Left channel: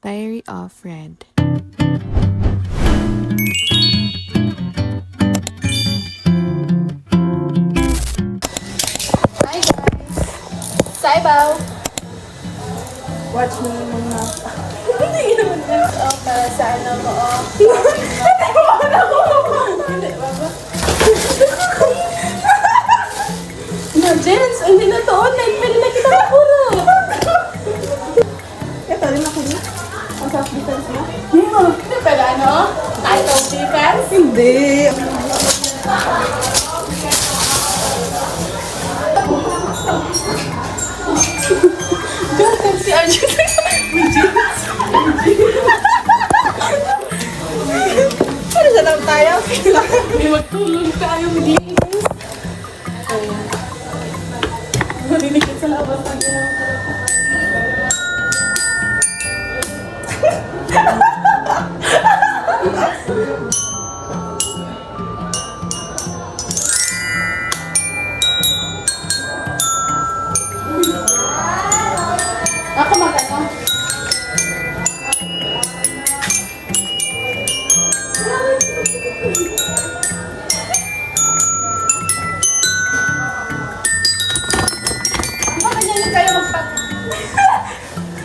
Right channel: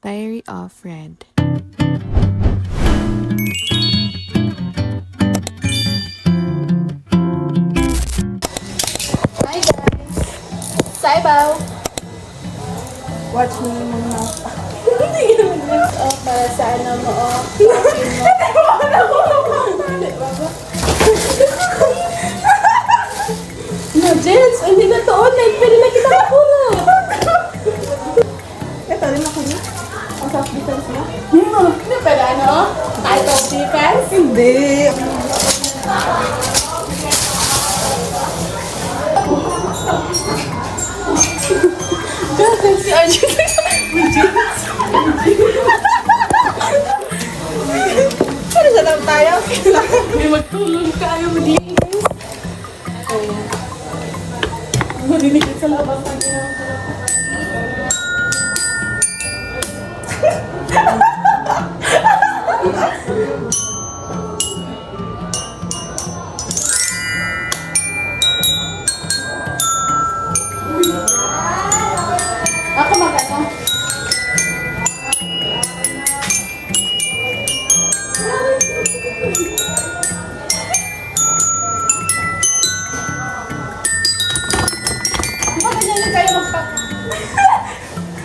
Diary of Red. Jens, hindi na to online, pero nakita ko na. Ano? Out of defense? Hindi. Kasi si Angela. Saan na lang tayo? Magtulong tayo mag-iingas. Mariligit sa labas.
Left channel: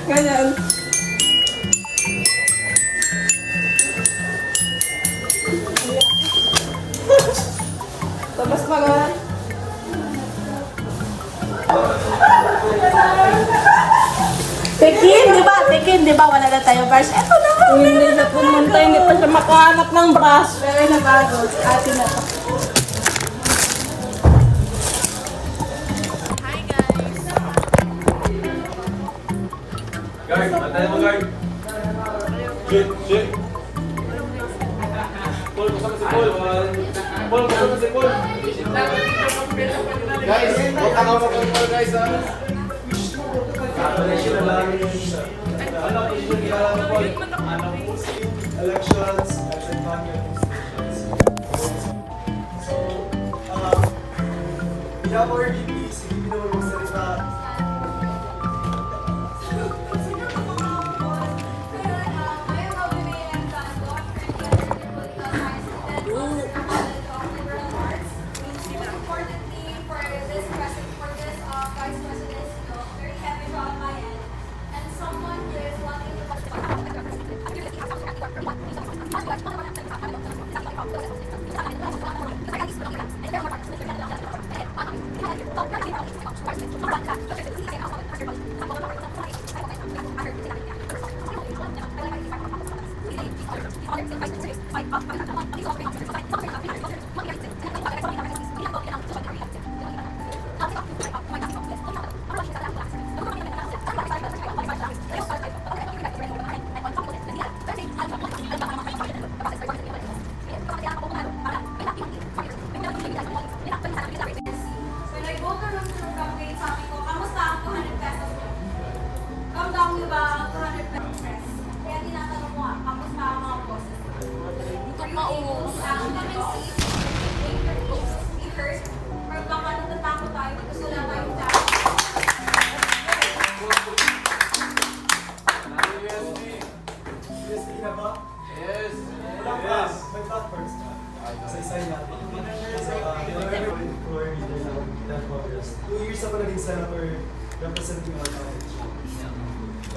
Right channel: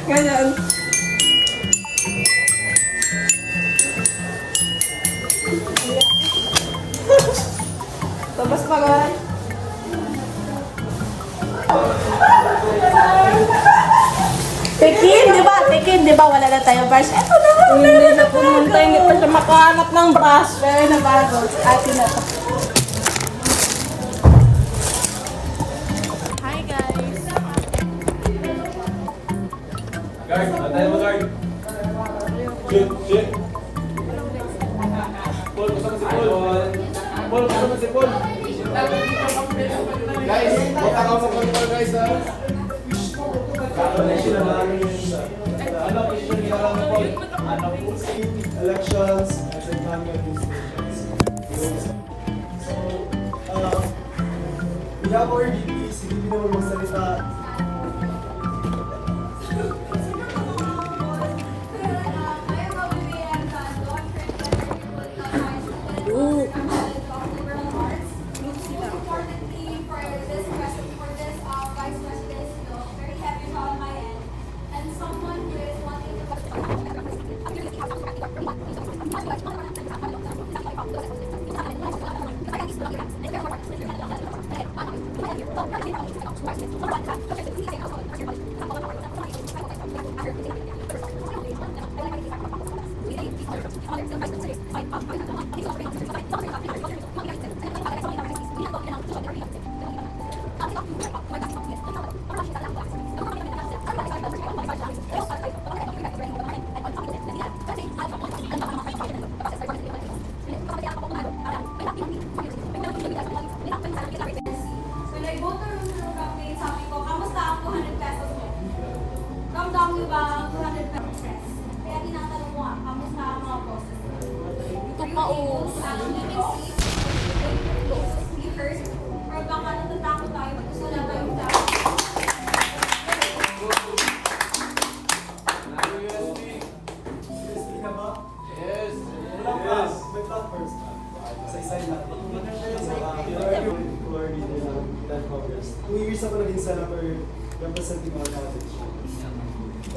Ganyan. Tapos mga Pekin, di ba? Wala na tayo bus. Hindi na po naman tayo sa makahanap ng bus. Pero na bago, atin na. Hi guys! Guard, antay mo guard. Shit, shit. Paul, basta ka si Paul. Paul, basta ka si Paul. Guys, bota ka po kayo guys ha. Kapanisyon na lang yung ano, issue nila lang ano, elections, election fund administrations. So, we have our duties, hindi naman magsalita. Senator representing our college.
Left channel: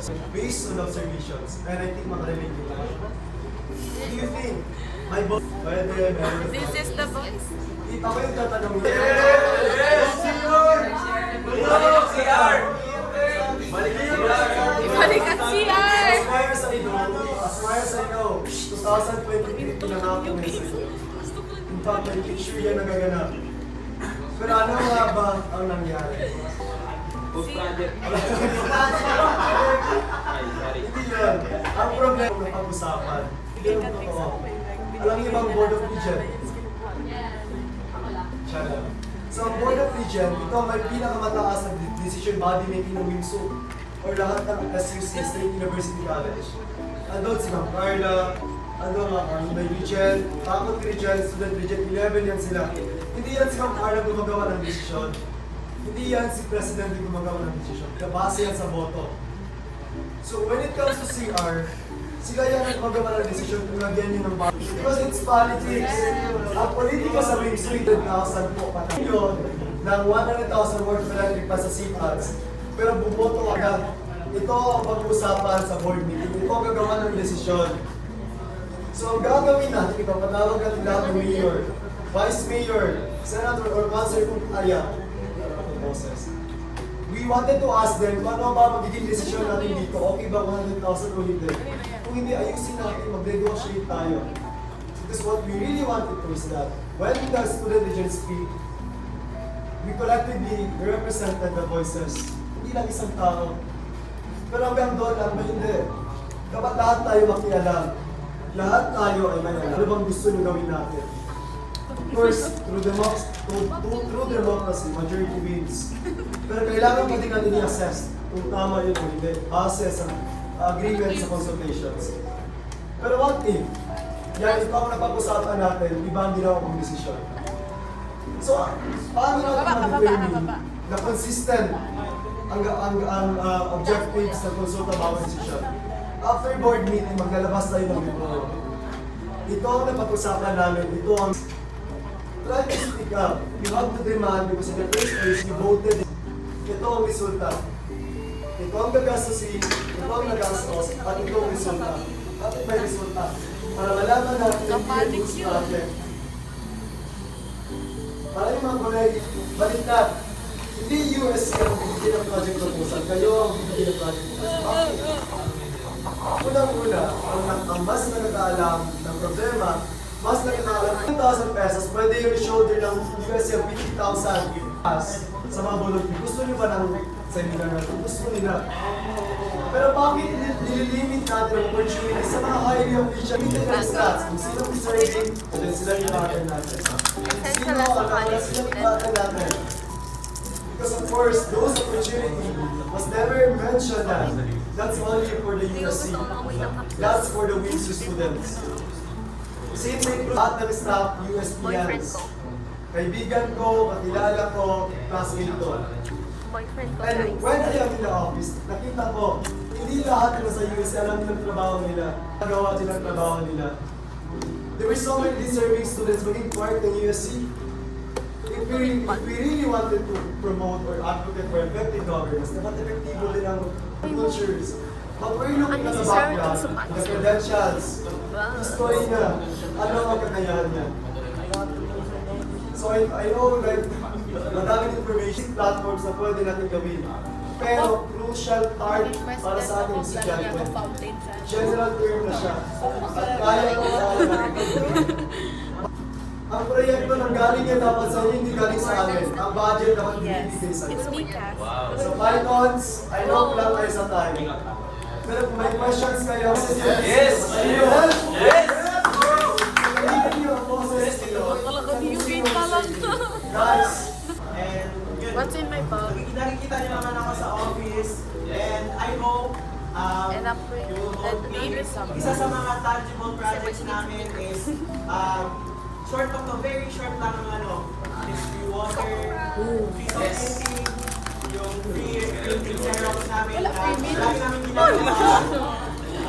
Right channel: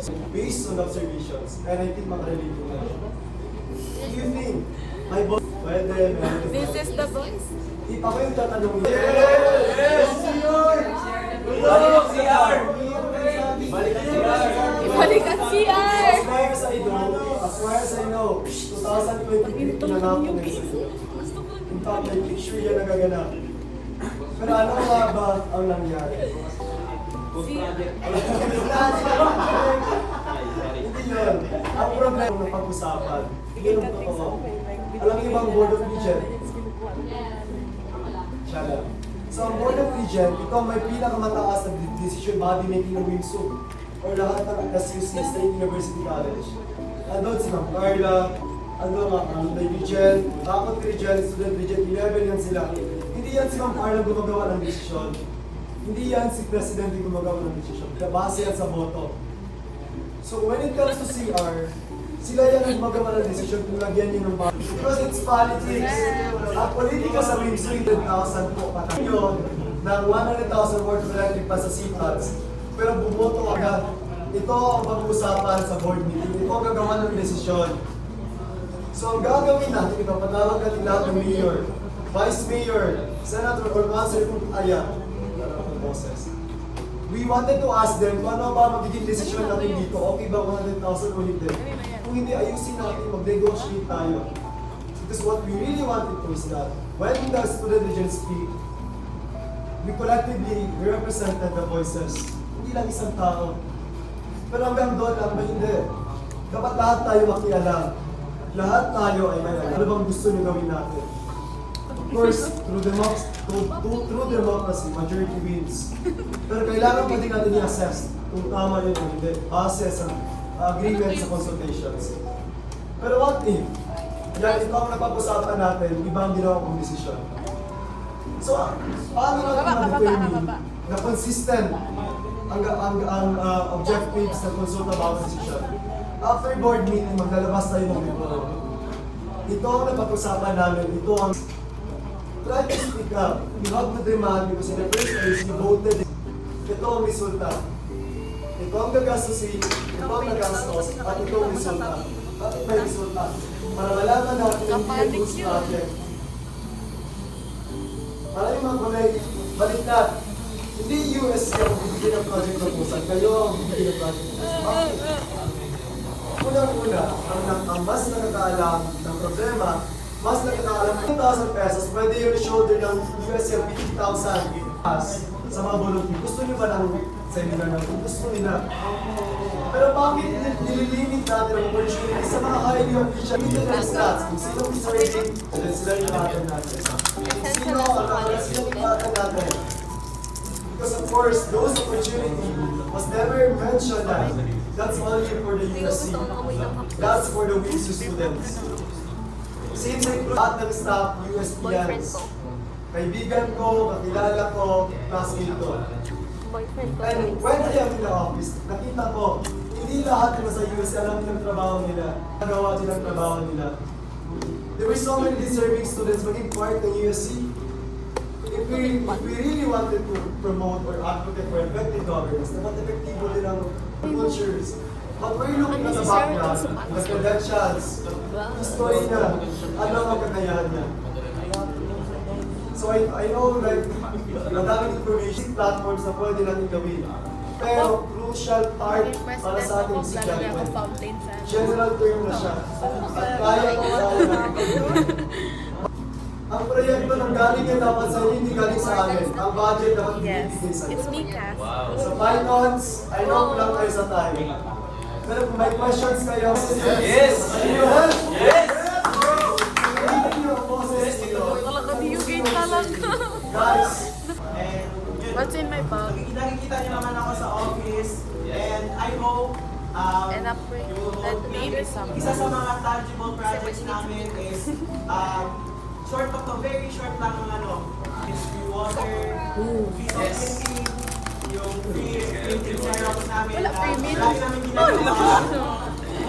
So based on observations, and I think makarelate ko na siya. What do you think? My boss, This is the voice. Ako yung tatanong. Yes! Balik CR! Balik CR! Ibalik ang CR! Aspire sa inyo, 2020 pinanap ko yung tapos picture yan nagaganap. Pero ano nga ba ang nangyari? Hindi yun. Ang problema na pag-usapan. Alam niyo bang Board of Regents? Siya lang. So ang Board of Regents, ito may pinakamataas na decision body making ng WIMSU or lahat ng SUC State University College. Andun si Ma'am Carla, andun ang may Regent, Faculty Regent, Student Regent, 11 yan sila. Hindi yan si Ma'am Carla gumagawa ng desisyon. Hindi yan si President yung gumagawa ng desisyon. Base yan sa boto. So when it comes to CR, sila yan ang magawa ng desisyon kung lagyan nyo ng bago. Because it's politics. Ang politika sa Big 300,000 po yun, ng 100,000 worth electric pa sa CPATS. Pero buboto agad. Ito ang pag-uusapan sa board meeting. Ito ang gagawa ng desisyon. So ang gagawin natin, ipapatawag natin lahat ng mayor, vice mayor, senator, or council kung kaya. We wanted to ask them, ano ba magiging desisyon natin dito? Okay ba 100,000 o hindi? Kung hindi, ayusin natin, mag-negotiate tayo. Because what we really wanted to is that when the student agents speak, we collectively represented the voices. Hindi lang isang tao. Pero hanggang doon lang, hindi. Dapat lahat tayo makialam. Lahat tayo ay may alam. Ano bang gusto nyo gawin natin? Of course, through democracy, majority wins. Pero kailangan mo din natin i-assess kung tama yun o hindi. Base sa agreement sa consultations. Pero what if? Yan, ito ang napag-usapan natin, iba ang ginawa kong desisyon. So, paano natin ma-determine na consistent ang objectives sa consult about decision? After board meeting, maglalabas tayo ng report. Ito ang napag-usapan namin, ito ang try to speak up. You have to demand because in the first place, you voted. Ito ang resulta. Ito ang gagastusin, ito ang nagastos, at ito ang resulta. At ito ang resulta. Para malaman natin hindi ang gusto natin. Para yung mga kulay, balik na. Hindi US ang bigyan ng project ng busan. Kayo ang bigyan ng project. Unang-una, ang mas na nagkaalam ng problema, mas na nagkaalam ng 2,000 pesos, pwede yung shoulder ng USF 50,000 sa mga volunteer. Gusto nyo ba ng sa inyo na? Gusto nila. Pero bakit nililinig natin ang opportunity sa mga highly official interest stats? Kung sino ang deciding, sila yung natin natin. Sino ang president natin? Because of course, those opportunity was never mentioned that. That's only for the USC. That's for the WISU students. Same thing po lahat ng staff USPNs. Kaibigan ko, kakilala ko, classmate ko. And when I am in the office, nakita ko, hindi lahat na sa USC alam ng trabaho nila. Nagawa nila ang trabaho nila. There were so many deserving students maging part ng USC. If we really wanted to promote or advocate for effective governance, dapat epektibo din ang teachers. But we're looking at the background, the credentials, gusto rin na ano ang kakayahan niya. So I know that madaming information platforms na pwede natin gawin. Pero crucial part para sa ating estudyante. General term na siya. At kaya ko ang proyekto ng galing yun dapat sa hindi galing sa amin. Ang budget dapat binibigay sa amin. So Pythons, I know lang kayo sa time. Pero kung may questions kayo, yes! Yes! Guys, What's in my bag? kita rin naman ako sa office and I hope And up with the something. isa sa mga tangible projects namin is short lang, very short lang ang ano. Is yung water, feasibility, yung printing samples namin.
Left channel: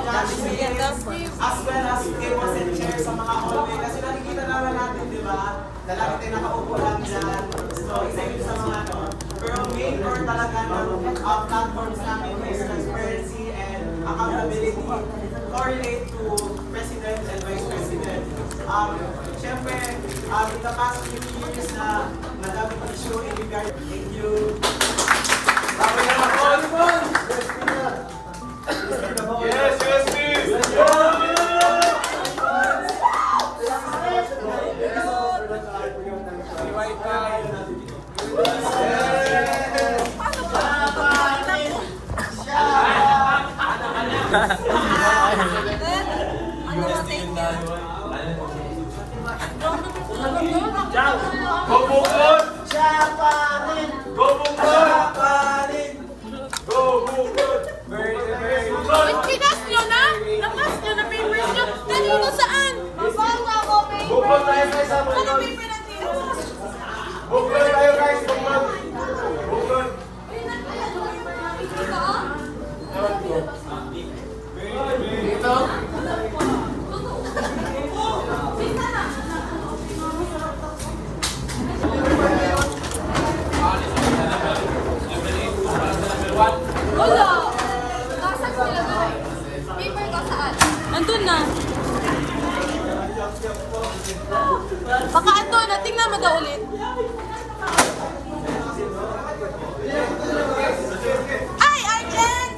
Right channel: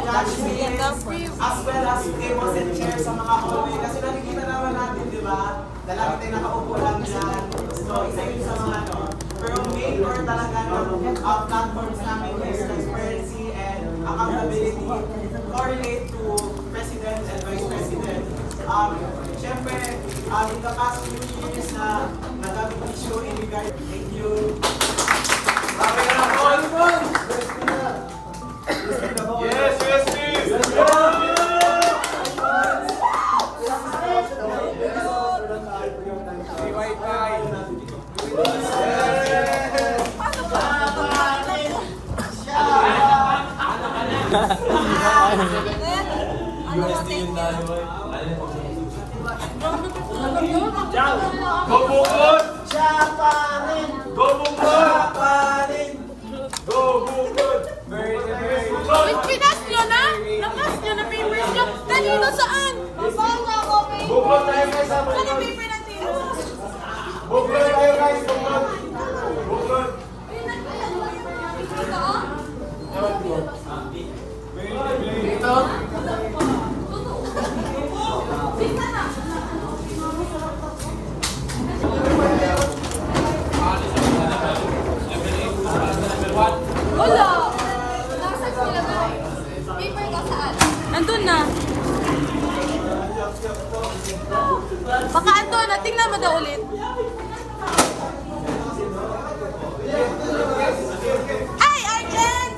As well as tables and chairs sa mga kote. Kasi nakikita naman natin, di ba? Dalami tayo nakaupo lang dyan. So, excited sa mga ano. Pero main core talaga ng platforms namin is transparency and accountability correlate to president and vice president. Siyempre, in the past few years na naging issue in regard. Thank you. Pinas nyo na? Lakas nyo na papers nyo? Kanino saan? Mabasa ko papers. Ano paper lang dito? Wala. Nasaan sila na? Paper ko saan? Nandun na. Baka andun na. Tingnan mo daw ulit. Ay! Arjen!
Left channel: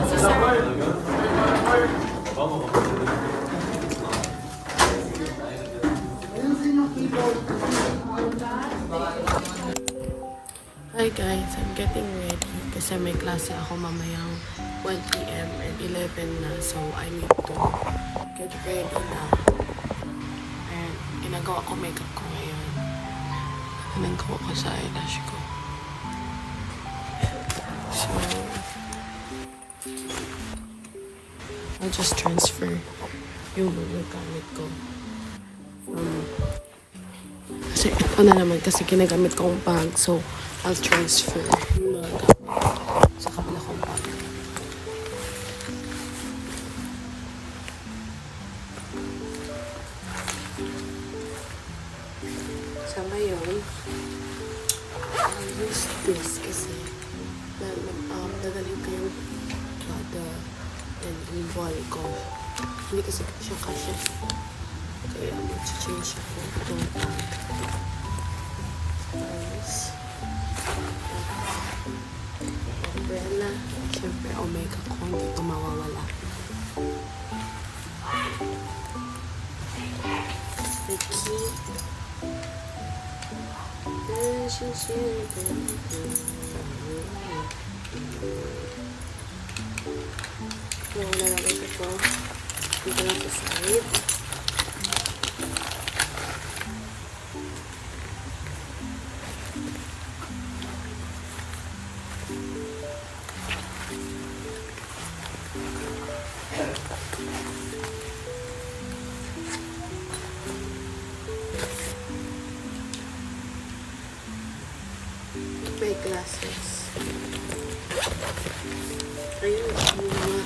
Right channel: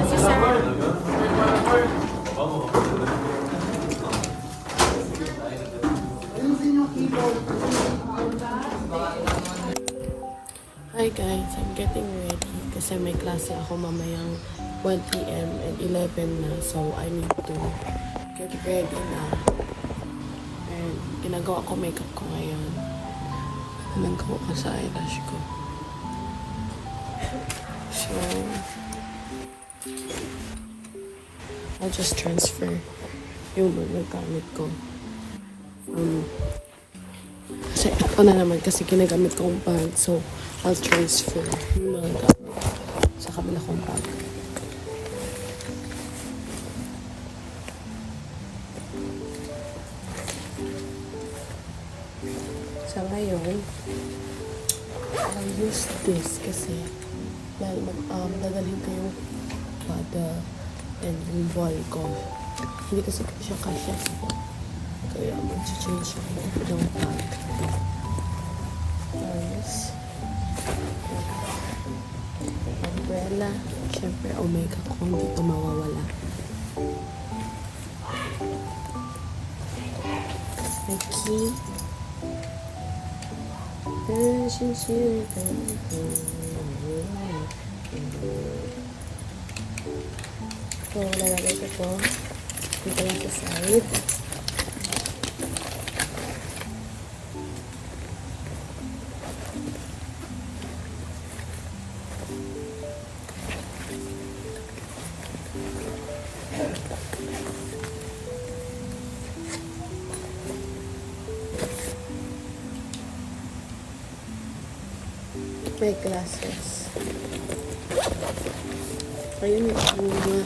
Kasi sir. Hi guys, I'm getting ready kasi may klase ako mamayang 1 p.m. and 11 na, so I need to get ready now. And ginagawa ko makeup ko ngayon. Ginagawa ko sa eyelash ko. So, I'll just transfer yung mga gamit ko. Kasi ito na naman kasi ginagamit kong bag, so I'll transfer yung mga gamit sa kabila kong bag. So ngayon, I'll use this kasi dadalhin ko yung bada and yung ball ko. Hindi kasi siya kasya. Kaya mag-change ako ng bag. Nice. Umbrella. Siyempre, omega ko. Hindi pa mawawala. The key. So, lalagay ko to. Dito lang sa side. May glasses. So, yun yung mga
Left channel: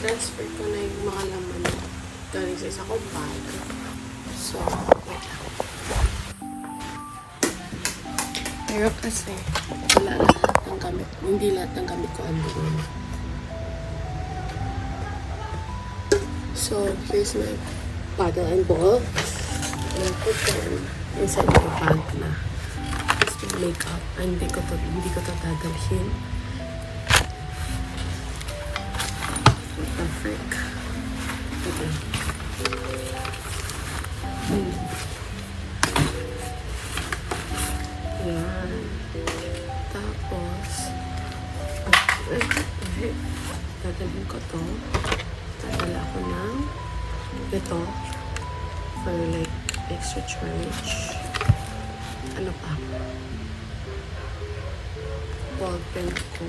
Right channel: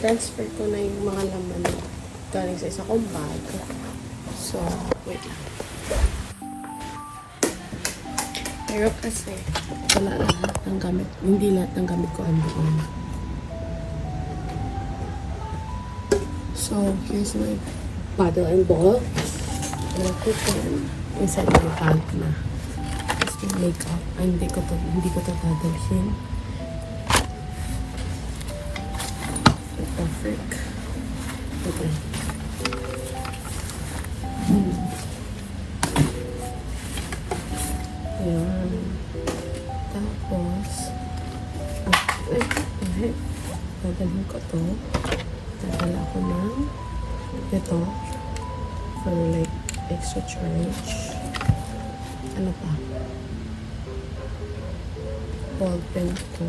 transfer ko na yung mga laman galing sa isa kong bag. So, wait lang. Pero kasi, wala lahat ng gamit. Hindi lahat ng gamit ko andoon. So, here's my bottle and ball. I'll put them inside my bag na. Just to makeup. Hindi ko to dadalhin. What the frick? Okay. Ayan. Tapos, dadalhin ko to. Dadala ko ng ito for like extra charge. Ano pa? Ball pen ko.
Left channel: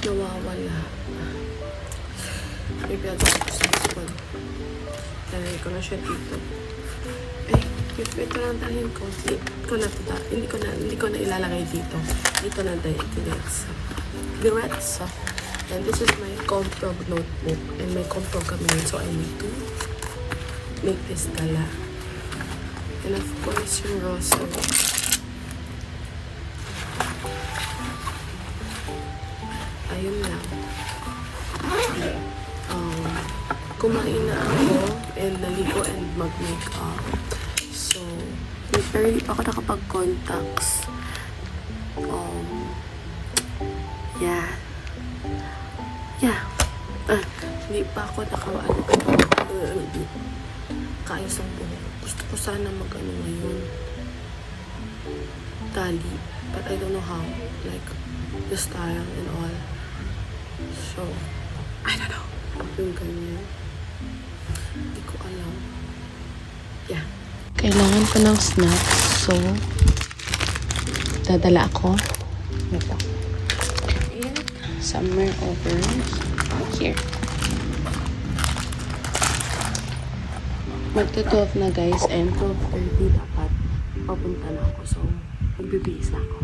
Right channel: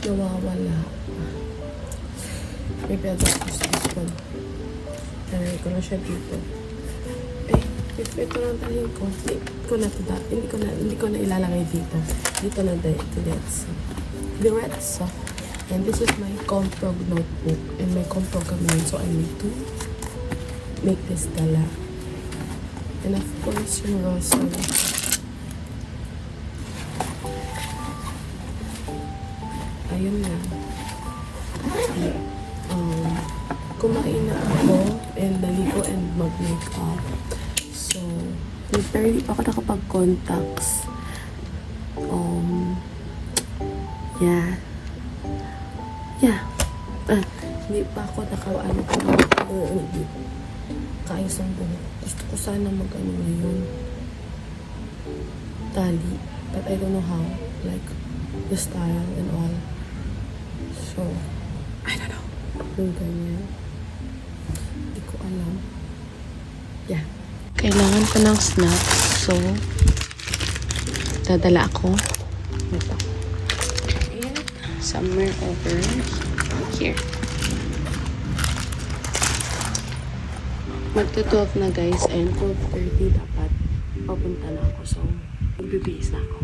Nawawala. Maybe I'll just use this one. Lalagay ko na siya dito. Ito lang dalhin ko. Hindi ko na ilalagay dito. Dito na diretso. And this is my Comprog notebook. And may Comprog kami yun. So I need to make this dala. And of course, yung rosary. Ayun lang. Kumain na ako and naligo and mag-makeup. So, very ako nakapag-contacts. Yeah. Hindi pa ako nakawaan ako kaayos ang buhok. Gusto ko sana mag-ano ngayon. Tali. But I don't know how. Like, the style and all. So, I don't know. Yung ganyan. Hindi ko alam. Yeah. Kailangan ko ng snacks. So, dadala ako. Ito. Somewhere over here. Magto-12 na guys, and 12:30 dapat papunta na ako. So, magbibihis na ako.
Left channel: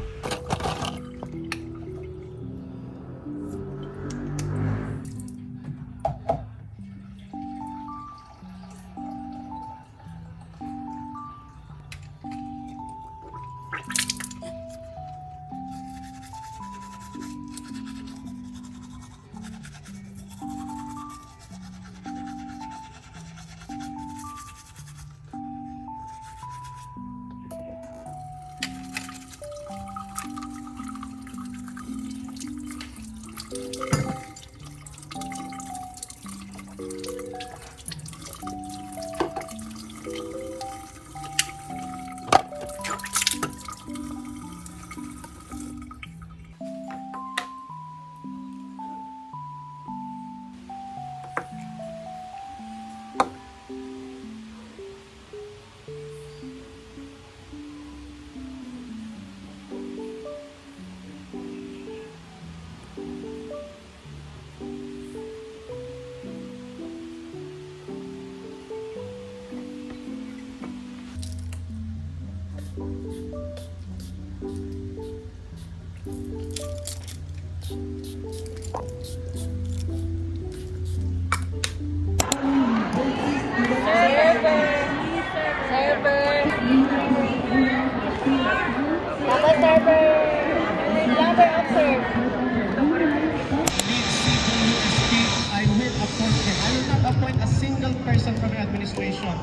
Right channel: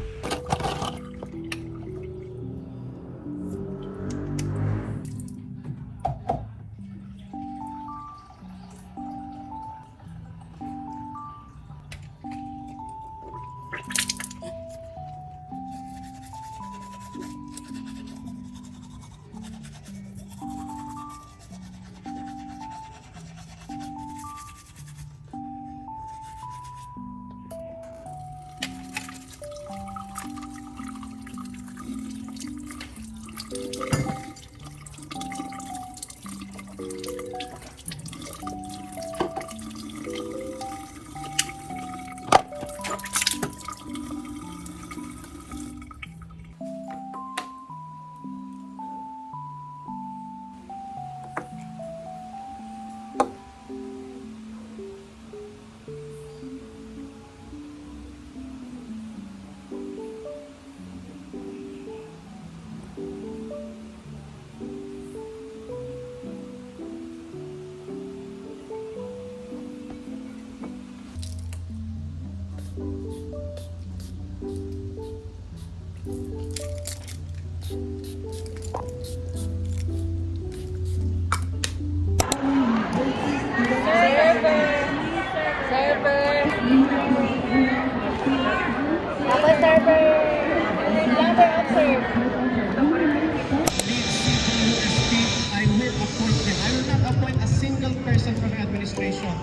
I will not appoint a single person from my administration.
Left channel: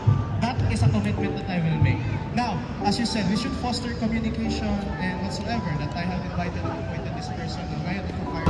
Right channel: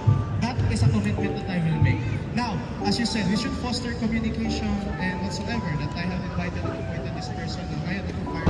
That is a commitment that I will make. Now, as you said, we should foster communication and whatsoever that I have invited and appointed this person. And I have to compare.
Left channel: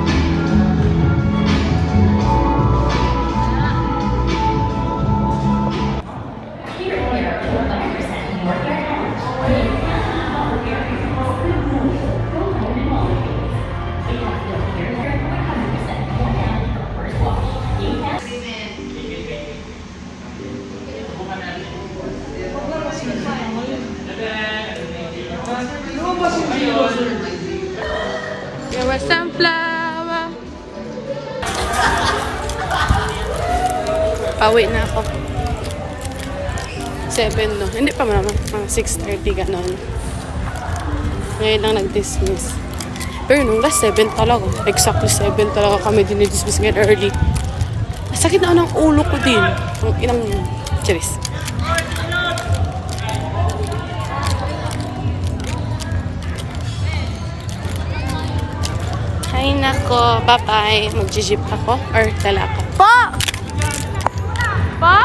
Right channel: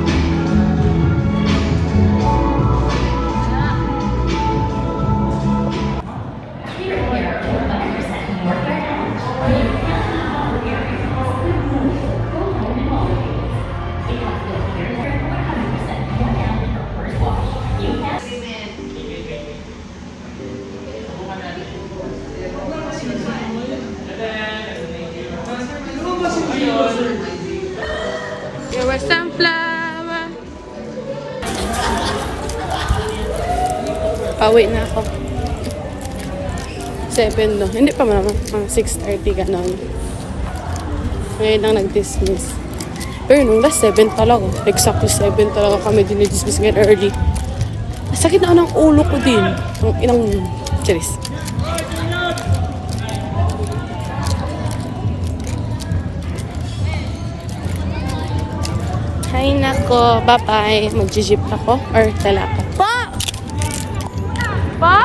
There was sunflower. Pauwi na ako. 7 no. Hindi pa mama. Mga 6:30 ganon. Ngayon lang nag-dismiss. Pero nung last 7 talaga. Exactly 7 talaga kami dinidismiss ngayon early. Sakit na ng ulo ko din. Ang inang cheers. Ay nako, bye-bye. Mag-jeep ako or dala ako. Po! Po?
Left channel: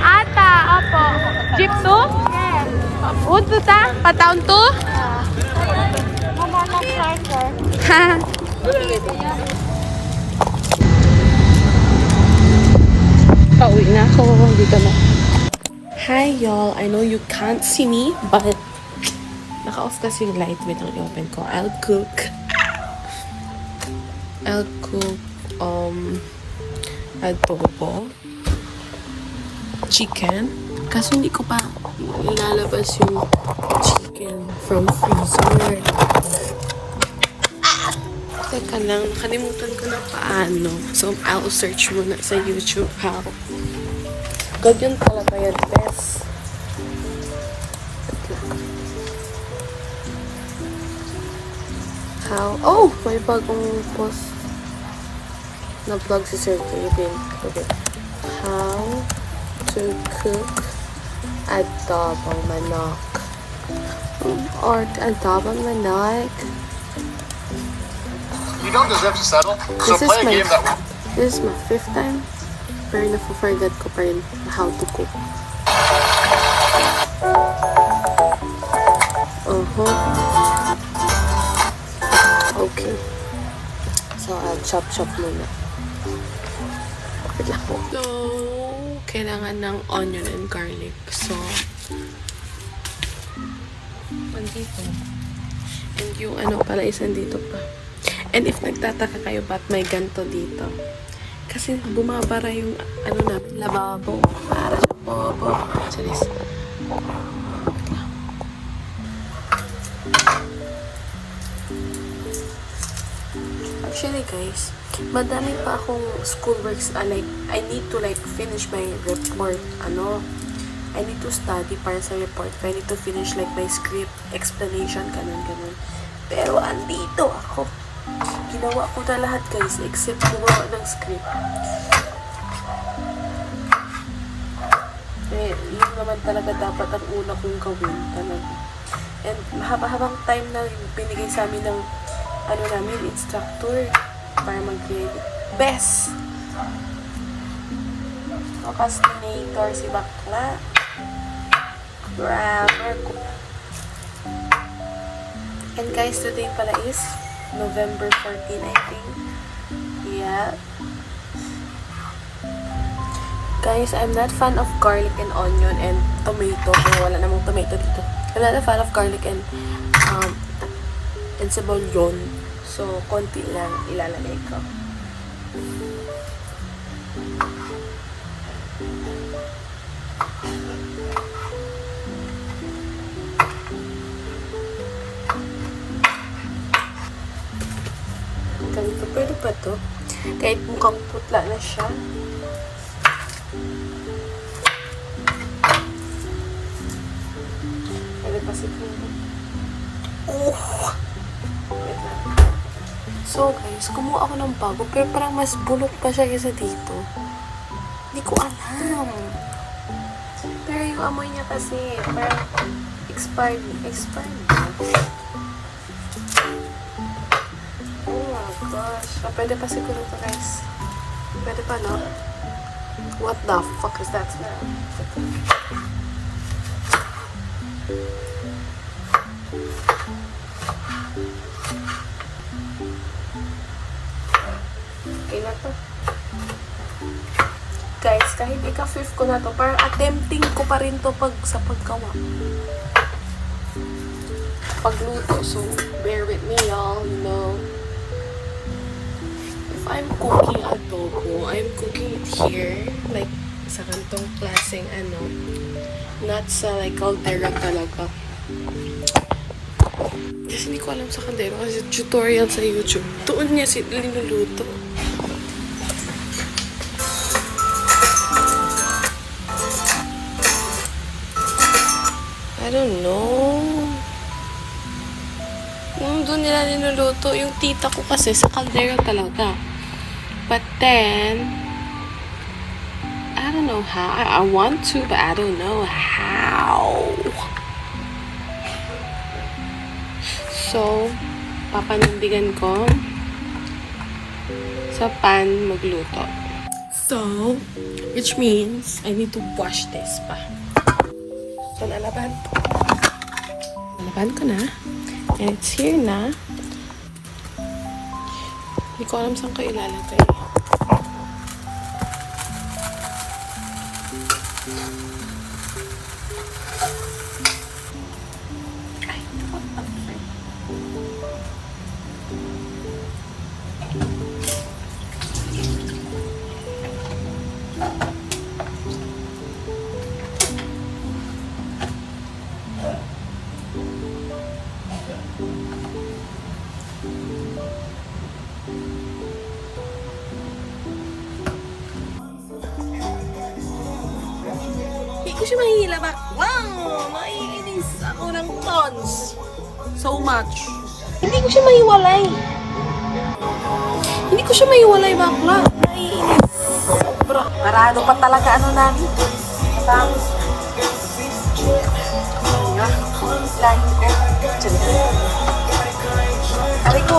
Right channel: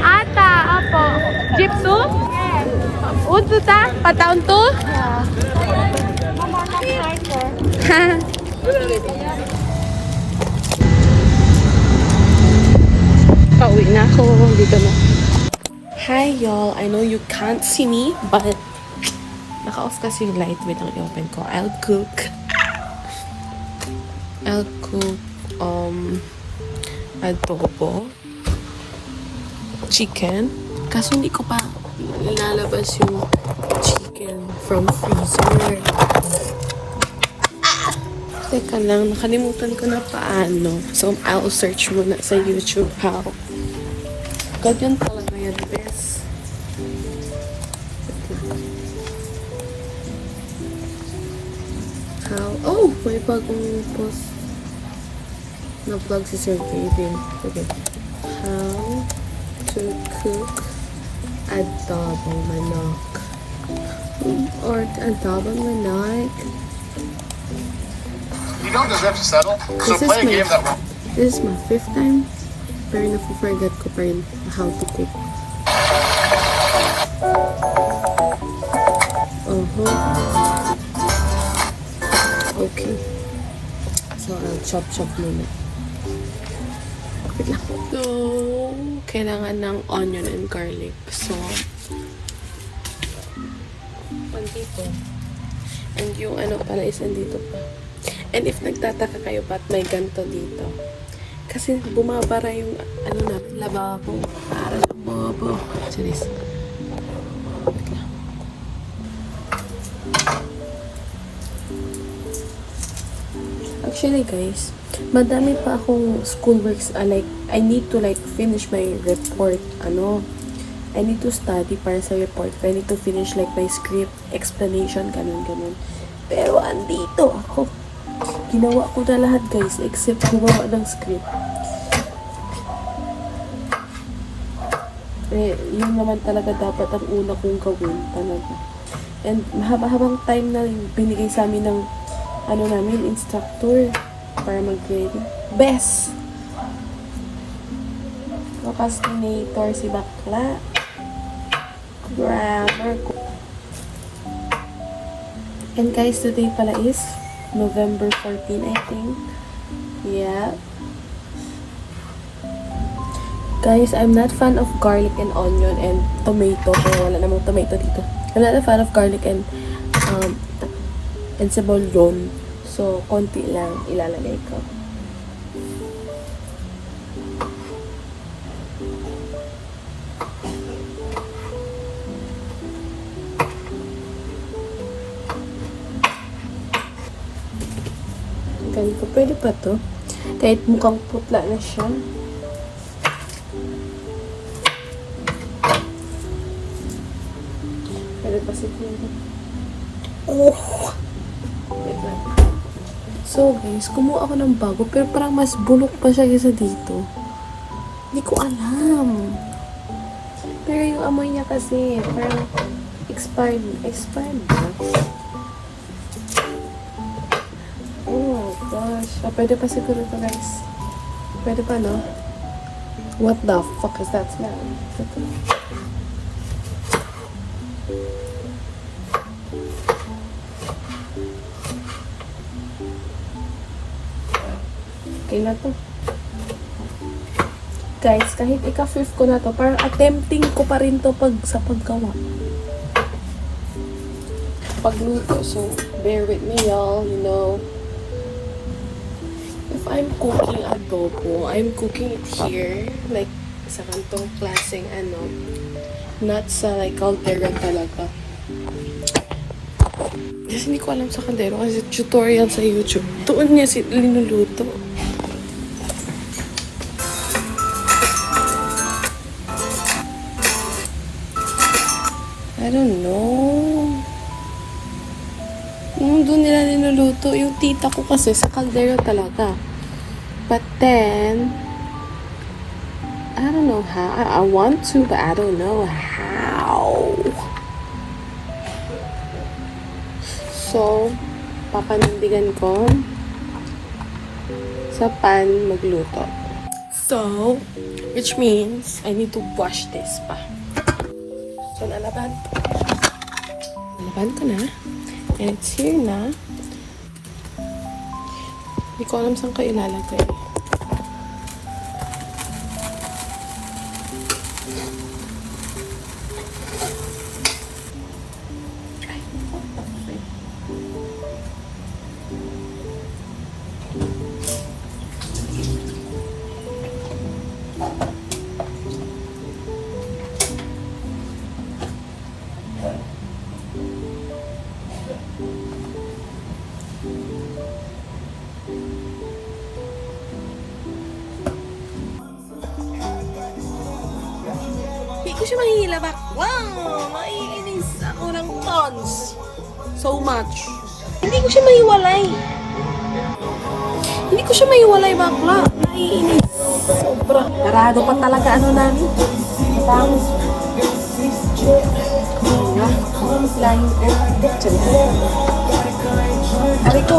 Ata, opo. Jeep to? Yes. Uto ta? Pataon to? Mama lang starter. Ha? Pauwi na ako. Dito na. Hi y'all. I know you can't see me, but naka-off kasi yung light. Wait lang, i-open ko. I'll cook adobo, chicken, kasi hindi ko pa lalabas yung chicken from freezer. Teka lang, nakalimutan ko na paano. So, I'll search muna sa YouTube how. Ganyan talaga yan, best. How? Oh! May bagong post na vlog si Sir David. Okay. How to cook adobong manok. Or adobong manok. You don't deserve to settle, so play a game that will. This is my 5th time. Pero na-forget ko pa rin how to cook. Okay. So, I'll chop muna. Wait lang. So, kailangan ng onion and garlic. So, dito. And yung ano pala, isang dito pa. And if nagtataka kayo ba't may ganto dito, kasi bumabara yung ano na, lababo. Parang bumababa. Charis. Actually guys, madami pa akong schoolworks, like, I need to like finish my report, I need to study para sa report. I need to finish like my script, explanation, ganun. Pero andito ako. Ginawa ko na lahat guys, except gumawa ng script. Yun naman talaga dapat ang una kong gawin talaga. And mahaba-habang time na yung binigay sa amin ng instructor para mag-ready. Best! Procrastinator si bakla. Grammar ko. And guys, today pala is November 14, I think. Yeah. Guys, I'm not fan of garlic and onion and tomato. Pero wala namang tomato dito. I'm not a fan of garlic and cebollon. So, konti lang ilalagay ko. Ganito, pwede pa to. Kahit mukhang putla na siya. Pwede pa siguro. Oh! Wait lang. So guys, kumuha ako ng bago pero parang mas bulok pa siya kaysa dito. Hindi ko alam. Pero yung amoy niya kasi parang expired ba? Oh my gosh. Pwede pa siguro to guys. Pwede pa, no? What the fuck is that smell? Okay na to. Guys, kahit ika-fifth ko na to, parang attempting ko pa rin to sa paggawa. Pagluto. So, bear with me, y'all. You know. If I'm cooking adobo, I'm cooking it here. Like, sa kantong klaseng not sa like caldera talaga. Kasi hindi ko alam sa kaldera kasi tutorial sa YouTube. Tuon niya linuluto. I don't know. Doon nila linuluto. Yung tita ko kasi sa kaldera talaga. But then, I don't know how. I want to, but I don't know how. So, papanindigan ko sa pan magluto. So, which means I need to wash this pa. So, nalaban ko na. And it's here na. Hindi ko alam saan ko ilalagay. Ay, what the frick? Hindi ko siya mahihilabak. Wow! Maiinis ako ng tons. So much. Hindi ko siya mahiwalay. Hindi ko siya mahiwalay, bakla. Maiinis. Sobra. Parado pa talaga namin. Tapos, lahin ko. Aray ko.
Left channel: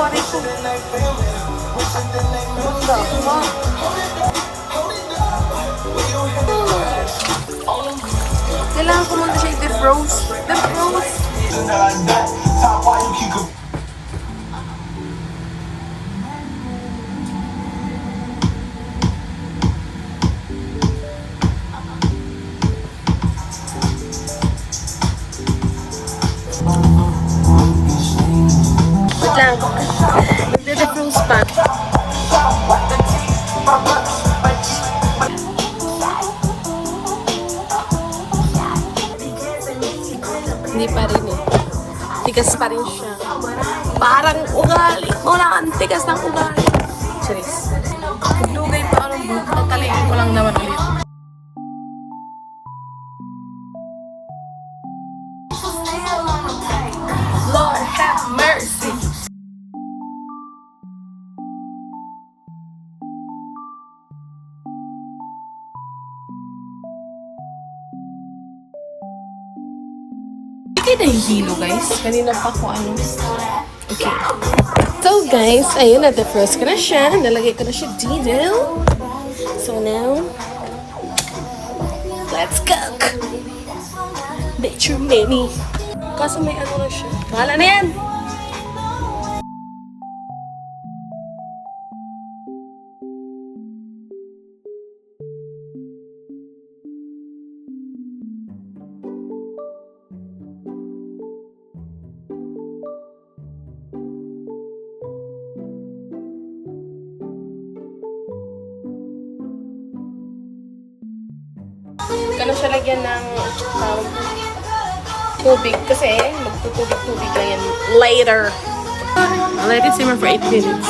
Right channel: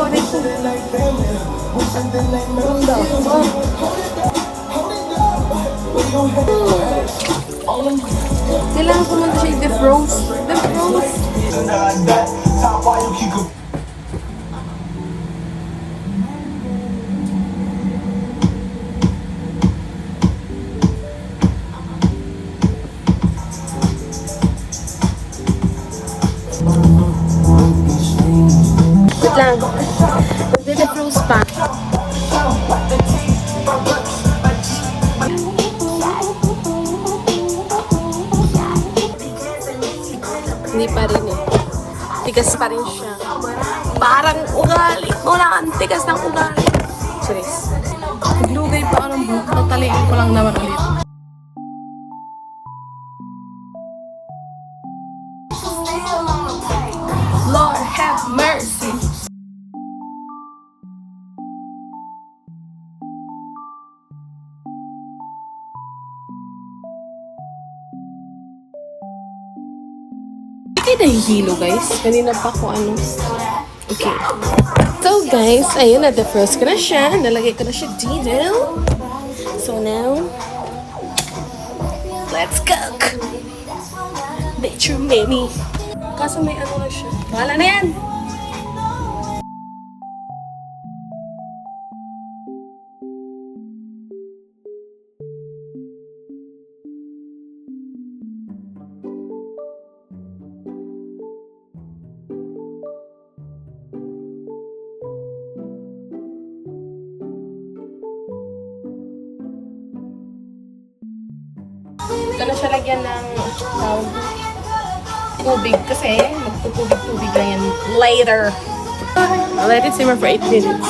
What the fuck? Kailangan ko muna siya i-defrost. Defrost! Wait lang. Mag-defrost pa. Hindi pa rin eh. Tigas pa rin siya. Parang ugali. Wala ang tigas ng ugali. Lord have mercy. Hindi na hihilo guys. Kanina pa ko ano. Okay. So guys, ayun na. The-first ko na siya. Nalagay ko na siya dito. So now, let's cook. Bet your baby. Kaso may ano lang siya. Bahala na yan! Kaya siya lagyan ng tubig kasi magtutubig-tubig lang yan later. I'll let it simmer for 8 minutes.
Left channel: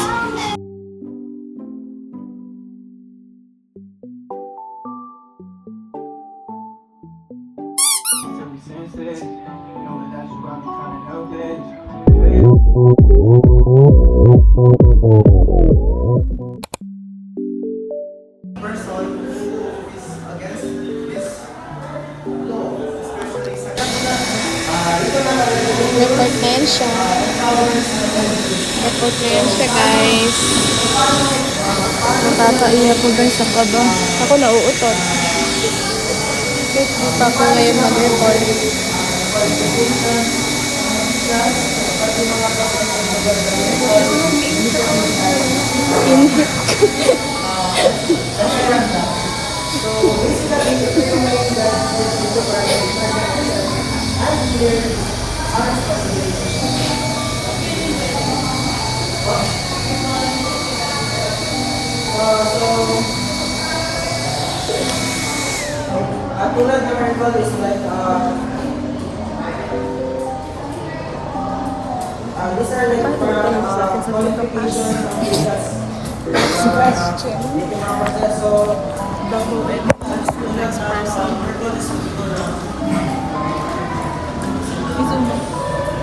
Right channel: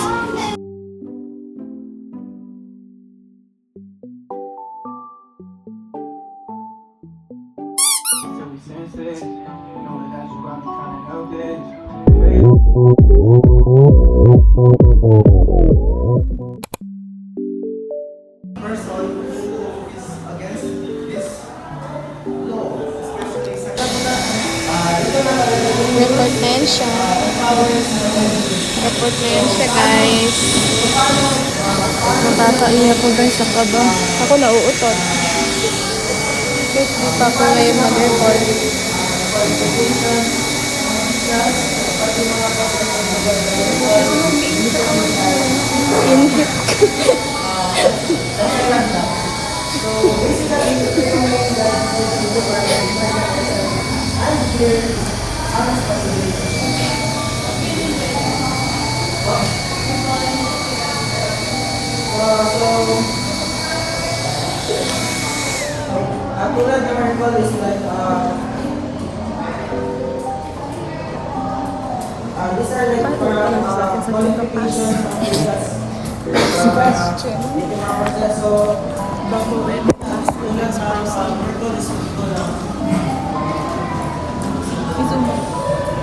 Nakakain po guys sa kaba. Ako nauutot. Tapos na yung mabuhay.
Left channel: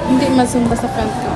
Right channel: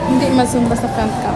Hindi masumba sa front ka.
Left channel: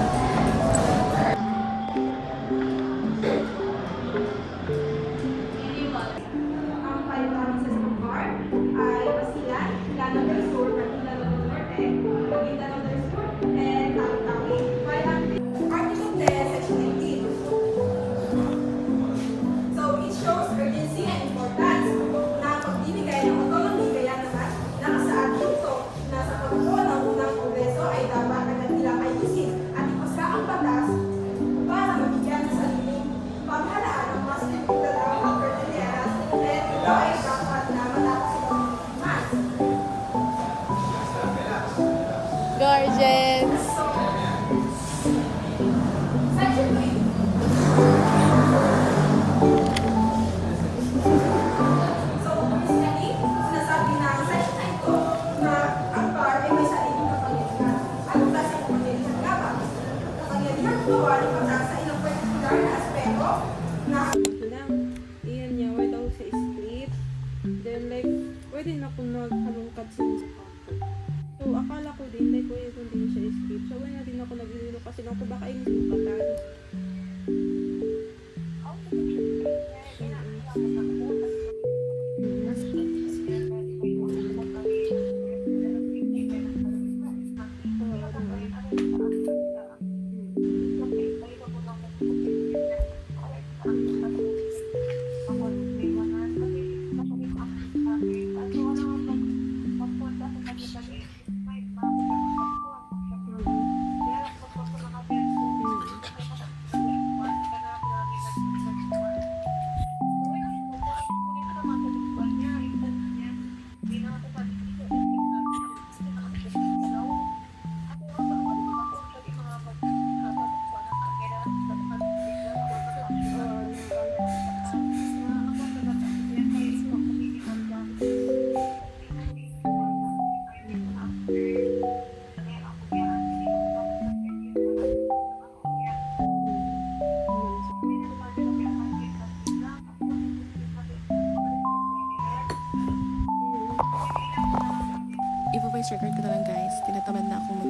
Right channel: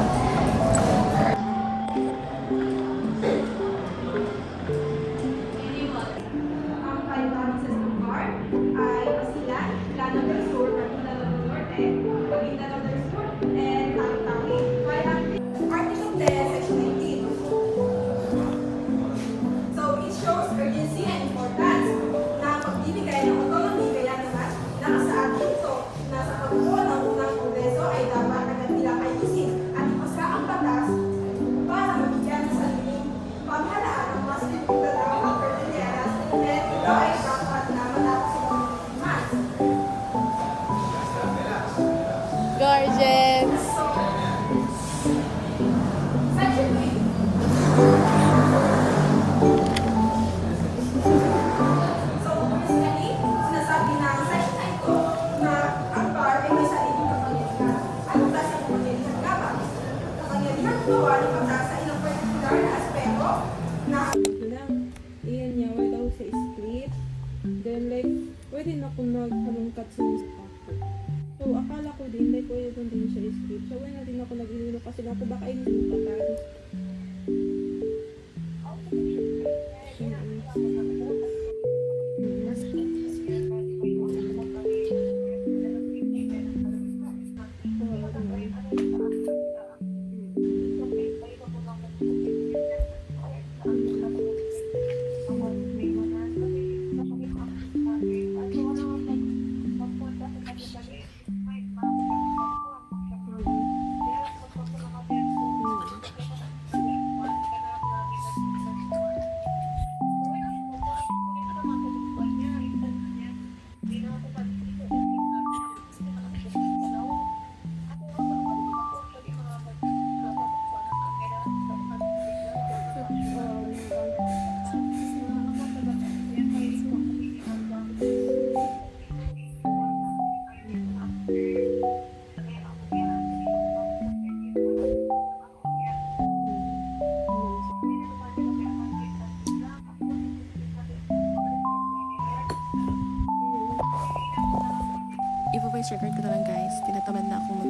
voice record ko na lang guys. Tinatamad na akong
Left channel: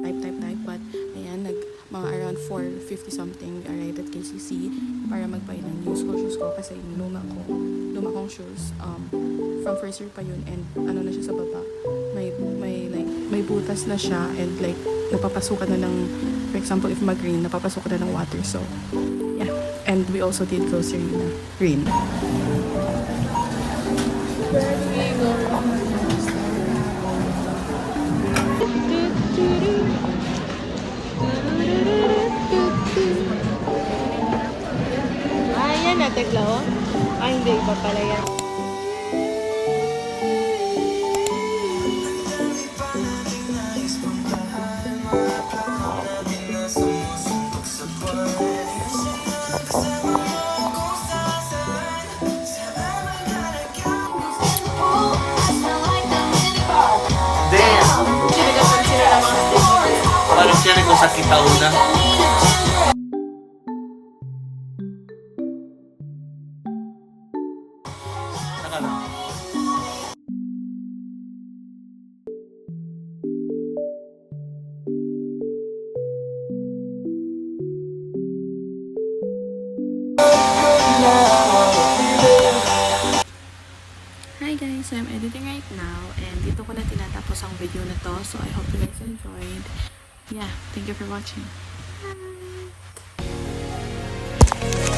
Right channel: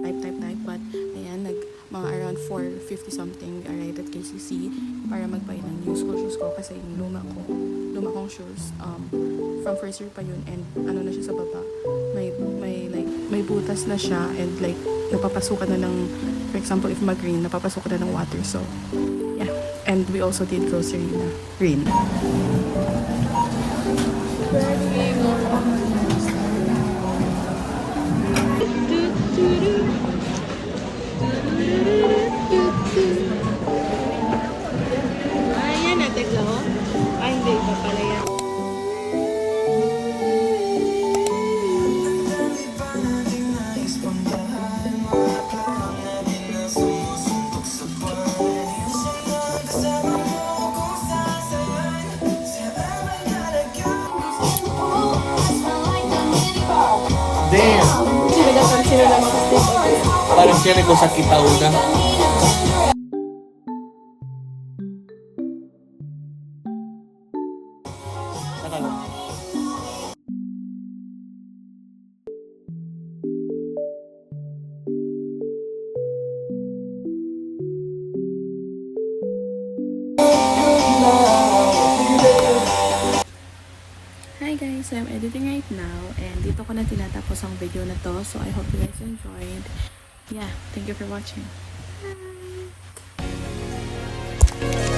mag-type. But, ayan, mga around 4:50 something, arrived at KCC para magbayad ng new school shoes ko kasi yung luma kong shoes, from first year pa yun, and ano na siya sa baba. May butas na siya, and like, napapasukan na ng, for example, if mag-rain, napapasukan na ng water. So, yeah. And we also did grocery na rain. Ayan na, Teklo. Ay, hindi pa pala yan. Damn! Sinagasar sila ng mga stick of it. Parang siya ko sa kitauna. Nakala. Hi guys, I'm editing right now and dito ko na tinatapos ang video na to, so I hope you guys enjoyed. Yeah, thank you for watching. Bye!